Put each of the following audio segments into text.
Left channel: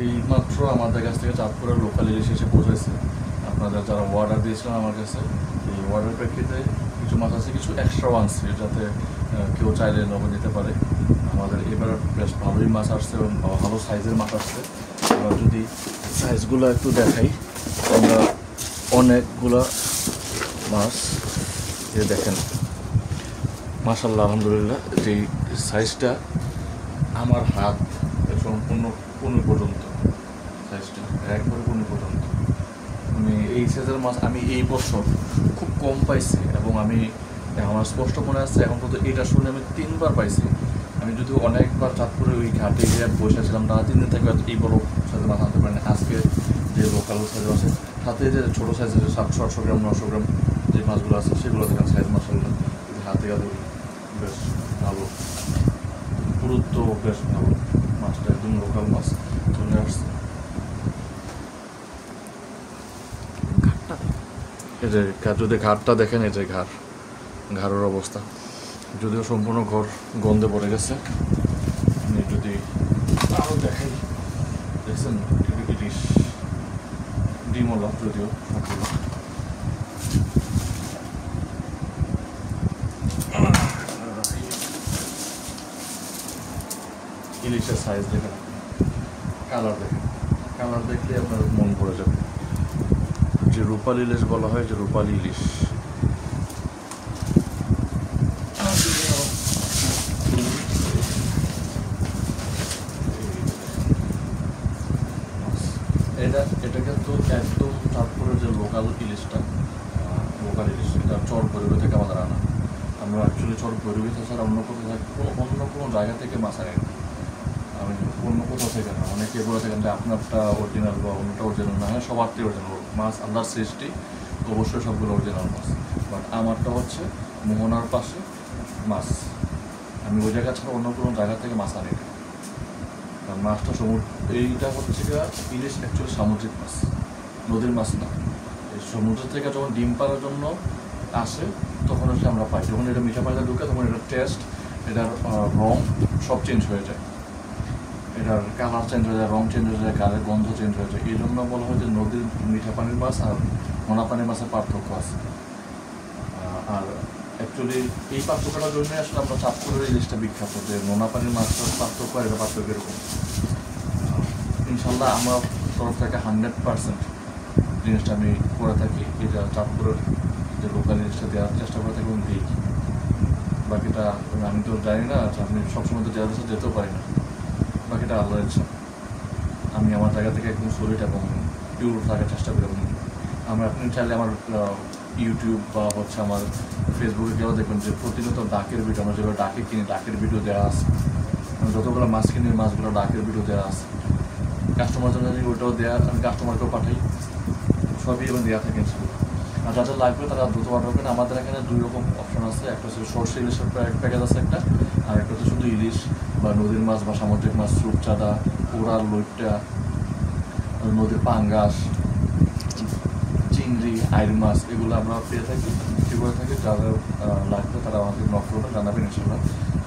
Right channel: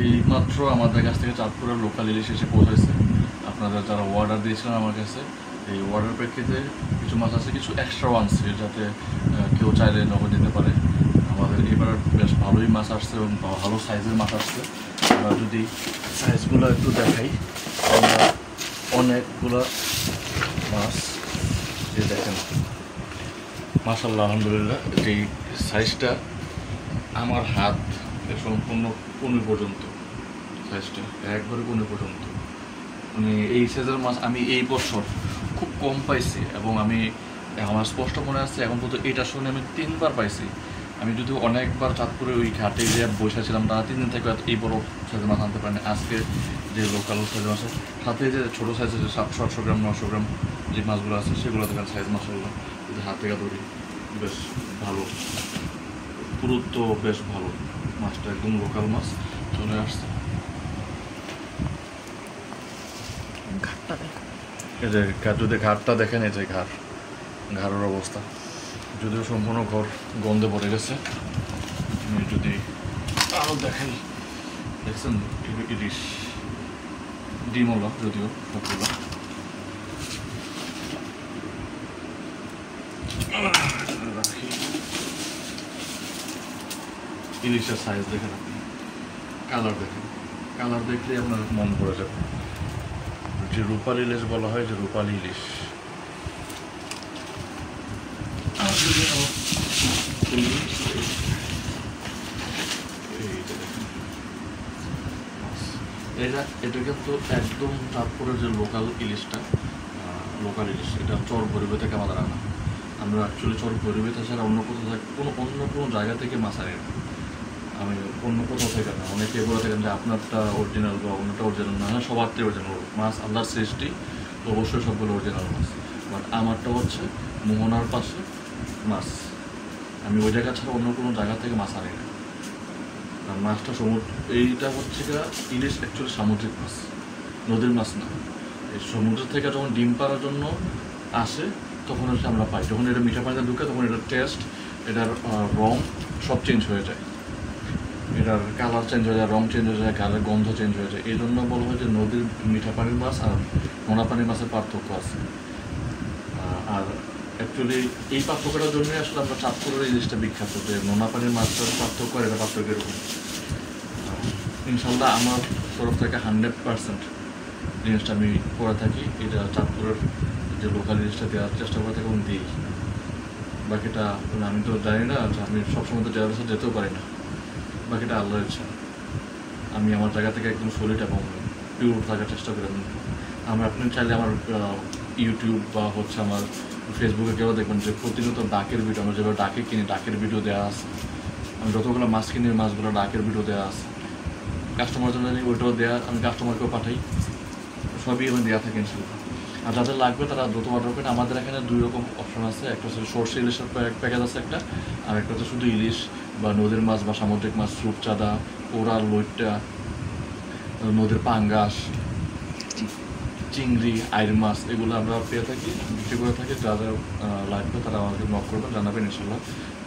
এইমাত্র আমাদের কাছ থেকে চাঁদপুরের লোকাল ইলিশ এসে পৌঁছেছে। আপনারা যারা অর্ডার দিয়েছিলেন আমার কাছে, এই অর্ডার প্রেক্ষিতে কিছু মাছ আছে, কিছু এক্সট্রাও আনছে যাতে কেউ চাইলে নগদ নিতে পারে। আমাদের এবার বেশ ভালোই মাছ আসছে এবং ভালো সাইজের মাছ আসছে। এবার যদি সাইজগুলো একটু দেখাই, আমরা অনেকগুলো মাছ যে দেখেন, মাশাআল্লাহ আলহামদুলিল্লাহ, যেই সাইজটা আমার হাত সম্পূর্ণ কোণে পর্যন্ত, সাইজটা একবারে কোণে পর্যন্ত, মানে এই সাইজের মাছ আমি এই বছর খুব কম পাইছি। এবং আমি আমার স্পষ্ট মনে আছে এখন পর্যন্ত এটা শুনে আমি 3বার পাইছি। আমি যদি অনেকবার চাঁদপুরে ওই ঘাটে যে বসেছিলাম, তারা 3 দিন থেকে এই বড় সাইজের মাছ আনতে পারেনি। আজকে যে লোকাল সাইজের আছে, সাথে যে ছোটো সাইজের 700-800 গ্রাম 900 গ্রাম যে মাছগুলো আছে, সেগুলো দেখেন সাইজ মাছাল্লাহ হাতে কাছে বেশ ভালো, পুরুত্ব বেশ ভালো। মাছটা একদম লোকাল মাছ চলে আসছে। এই যে যদি ঘাটটা দেখেন, এই যে ঘাড়ের অবস্থা, যদিও সম্পূর্ণ ঘর গন্ধে পড়ে গেছে। আমি যদি আরও দেখাই, দেখছেন ইলিশ ডিমওয়ালা, যদিও সবগুলো ইলিশের সাইজ দেখেন আপনি, কালার দেখেন, কালার দেখলে আপনার মন ভরে যাবে। যে রূপালী ইলিশ বলা হয়, যে রূপালী ইলিশ। এটা কিন্তু একদম চাঁদপুরের যে লোকাল ইলিশটা, লোকাল ইলিশ, এটা চর ভৈরবে থেকে আমাদের আনা। আমরা অ্যাকচুয়ালি চর ভৈরবে ছাড়া অন্য কোথাও থাকে অন্য কোনো জায়গা থেকে মাছ আনি না। আমি অন্য কোথাও থেকে না, অনেকে বলে থাকেন যে আপনারটা অরিজিনাল বা অন্যটা অরিজিনাল না। হ্যাঁ, সবারটাই অরিজিনাল মাছ, আল্লাহর সৃষ্টি, অবশ্যই সবগুলো অরিজিনাল মাছ। বাট আমারটা হচ্ছে মোহনার পাশে মাছ, আমি ওই জায়গা ছাড়া অন্য কোনো জায়গা থেকে মাছ আনি না। কারণ মাছটা এইটা হচ্ছে ইলিশ অ্যাকচুয়ালি সামুদ্রিক মাছ, নদীর মাছ না। এই সমুদ্র থেকে যখন ডিম পাড়ার জন্য আসে, তখন হচ্ছে আমরা পাই। যখন এটা মিঠা পানিতে ঢুকে, তখন এটার টেস্ট, এটার রং সব চেঞ্জ হয়ে যায়, এটার কালার চেঞ্জ হয়ে যায়, রং চেঞ্জ হয়ে যায়, গালের গন্ধ চেঞ্জ হয়ে যায়। এই জন্য বলা হয় যে নদীর মিঠা পানির মাছ আর নোনা পানির মাছের পার্থক্য আছে। আর অ্যাকচুয়ালি এই পার্থক্যটার জন্যই আসলে আমরা চাঁদপুরের ইলিশটা বিখ্যাত, যে নোনা পানির মাছটার পার্থক্য আর এটা পার্থক্য এরকম। ইনশাল্লাহ আমার তরফ থেকে 100% জিনিসটা আমি করে থাকি। এটা চাঁদপুরের যে লোকাল জিনিসটা দেওয়ার চেষ্টা করে থাকি এবং দিই। বাকিটা আমি তো জানি না, আমি সবসময় তো যাওয়ার যেতেও পারি না, বাকিটা আল্লাহর ইচ্ছা। আমি আমার জায়গা থেকে একদম সলিড এবং পিওর থাকার চেষ্টা করি। আপনি চাইলে আমার ইউটিউব বা হচ্ছে আমার ফেসবুকে গেলেও দেখবেন যে প্রতিনিয়ত ডাকের ভিডিও, আমরা যেভাবে ডাকে কিনি, ডাকের ভিডিও দেওয়া আছে। আমি যতগুলো মাছ কিনি, মাছগুলো ডাকের ভিডিও দেওয়া আছে। কাস্টমার জন্য ওইটাও দেওয়া, আমি কাস্টমারকেও পাঠাই, সবই এবার দেওয়া থাকে ইনশাল্লাহ। আর যাদের লাগবে তারা দ্রুত অর্ডার করেন। আমাদের এখানে 2 রকম অপশন আছে, একটা হচ্ছে সরষে ইলিশের প্যাকেজ আছে একটা, আর একটা হচ্ছে শুধু ইলিশ বা নদীর মাছ বা সামুদ্রিক মাছ, রূপচাঁদা, ওরাল, লইট্টা, নদীর পাঙ্গাস, চিংড়ি, আইর মাছ, এগুলো আমরা পেয়ে থাকি, বিক্রি করে থাকি। যাদের লাগবে তারা আমাকে নক করবেন, জানাবেন, ইনশাল্লাহ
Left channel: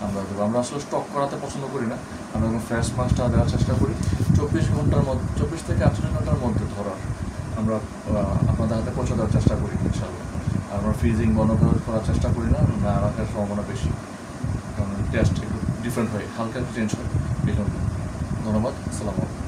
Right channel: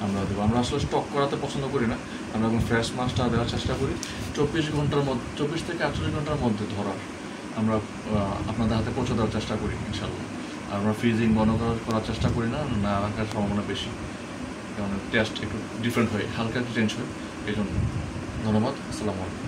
আমরা দেবো। আমরা আসলে স্টক করাতে পছন্দ করি না, আমরা এখন ফ্রেশ মাছটা দেওয়ার চেষ্টা করি। 24 ঘন্টার মধ্যে, 24 থেকে 48 ঘন্টার মধ্যে ধরার আমরা আপনাদের হাতে পৌঁছে দেওয়ার চেষ্টা করি ইনশাল্লাহ। আমরা ফ্রিজিং বন্ধ করার চেষ্টা করি না, না রাখার সম্ভাবনা বেশি, কারণ টেস্ট একটু ডিফারেন্ট হয়, হালকা একটু চেঞ্জ হয়, এই জন্য। ধন্যবাদ, আসসালামু আলাইকুম।